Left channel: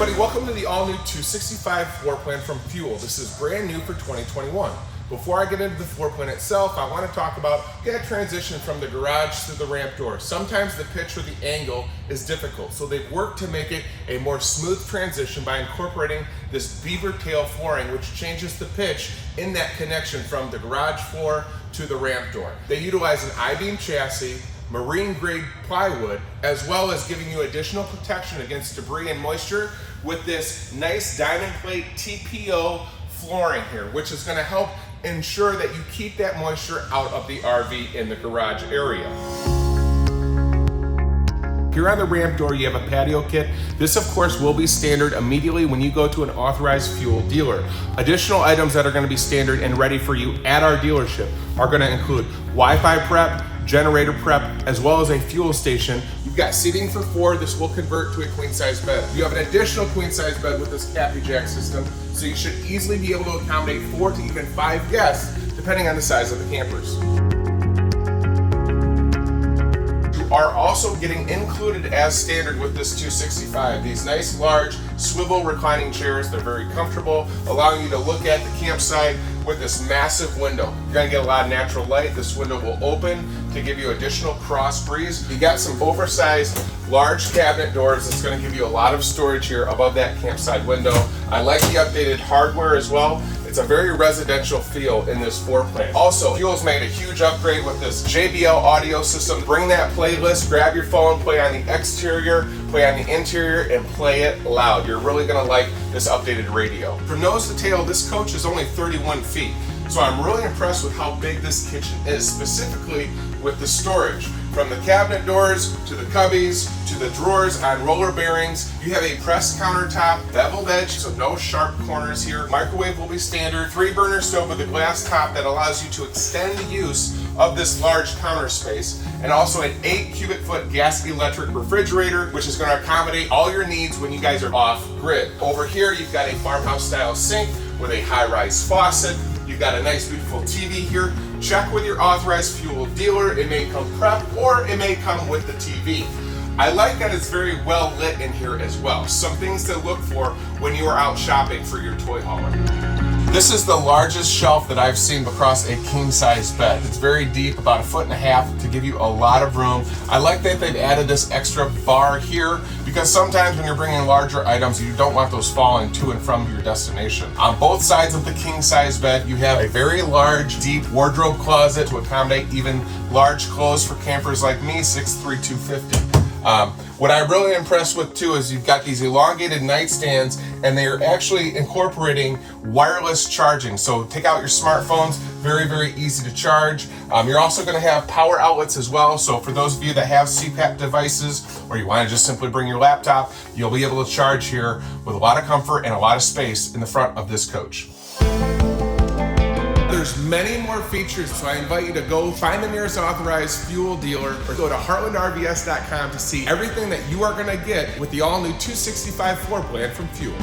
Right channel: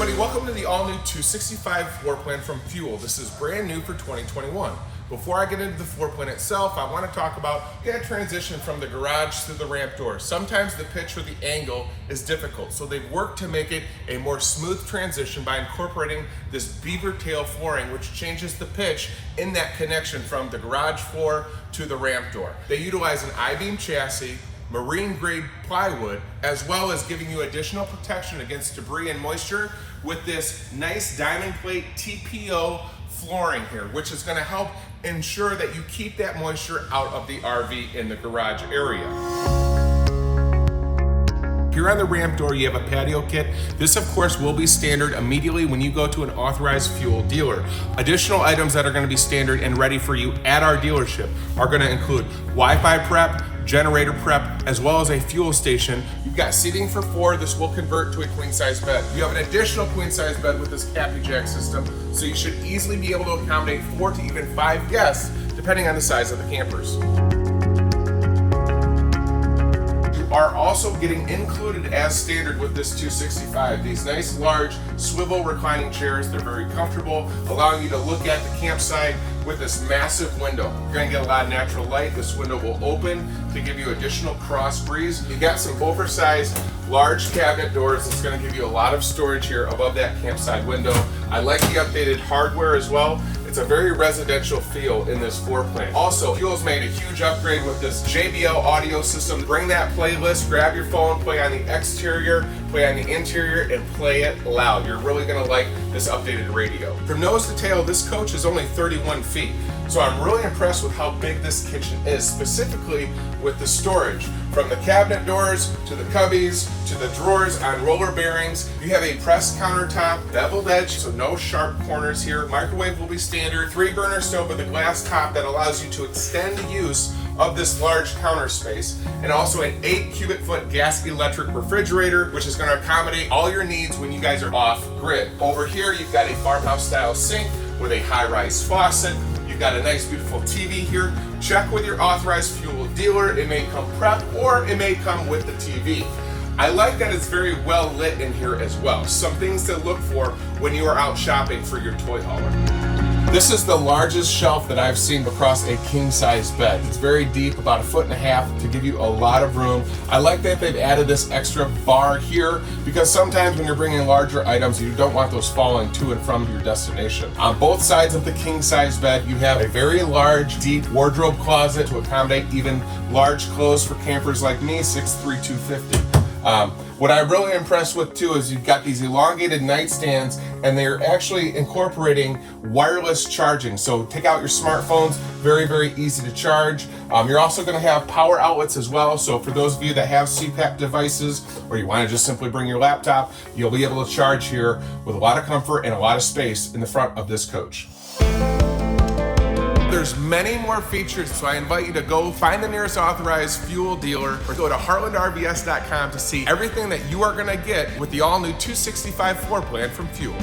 everybody, welcome to the all-new 265 floor plan from Fuel. This is brand new for 2021. Before I get into the floor plan itself, I want to talk about that transition from the garage to the ramp door. Sometimes the pitch or the angle is difficult, so they've worked to make it a more smooth transition by incorporating this beaver tail flooring, which changes the pitch in that connection from the garage floor to the ramp door. They utilize an I-beam chassis, marine grade plywood, as well as giving you additional protection against debris and moisture with this nice diamond plate TPO flooring here, which is going to help ensure that you keep that moisture out of the RV in the garage area. Here on the ramp door, you have a patio kit. This, of course, will be standard immediately when you go to an authorized Fuel dealer. Additional items that are going to be standard and ready for you at our dealership are going to include Wi-Fi prep, generator prep, as well as a fuel station. You've got seating for 4. This will convert to a queen size bed. You have an additional queen size bed with this Cappy Jack system, so you should easily be able to accommodate 4 to even 5 guests, depending on the size of the campers. You are also getting included as standard with this 265, these nice large swivel reclining chairs. They're very comfortable, allowing you to look at the campsite with this massive window. You're gonna get a lot of natural light. This window will open to give you additional cross breeze. You got some oversized large cabinet doors. It's gonna give you a lot of storage here above that campsite window. I like the updated hardware as well. It's a very residential feel in this floor plan. Also, Fuel's made a huge upgrade with this JBL audio system. Bring that playlist, grab your phone, play on the exterior, play on the interior, and play it loud. You're really gonna like this updated radio. From nose to tail, this coach is only 31 feet. So I'm really impressed with how big this kitchen is, specifically with the storage. From the cabinet doors, to the cubbies, to the drawers on roller bearings. You have a pressed countertop, beveled edge, so no sharp corners here. Microwave will be standard. 3-burner stove with a glass top that allows you to extend the use of this large counter space. And also an 8 cubic foot gas electric refrigerator, which is gonna accommodate all your needs when you guys are off grid. Over here, you've got a farmhouse style sink with a high-rise faucet. You've got a nice beautiful TV here. Check with your authorized Fuel dealer. It may come prep or it may come with the TV. I like that it's very well lit in here as well. Some things to look for when you are out shopping for your toy hauler. This is the largest shelf that I've seen across a king size bed. It's very deep, about 1.5 feet, to give you a lot of room. I like that they've added this extra bar here because sometimes when you're bringing larger items, you don't want those falling to and from your destination. On both sides of the king size bed, you have a very large, deep wardrobe closet to accommodate even large clothes for campers like me, 6'3", 250. What I'm really impressed with too is you've got these elongated nightstands, and they're actually incorporating wireless charging. So take out your smartphones, very, very easy to charge. You're also going to have power outlets as well. So for those of you that have CPAP devices, or you want to just simply bring your laptop, you'll be able to charge here with a lot of comfort and a lot of space in the front of this coach. There's many more features, so I invite you to go find the nearest authorized Fuel dealer or go to heartlandrvs.com to see everything that you are going to get with the all-new 265 floor plan from Fuel.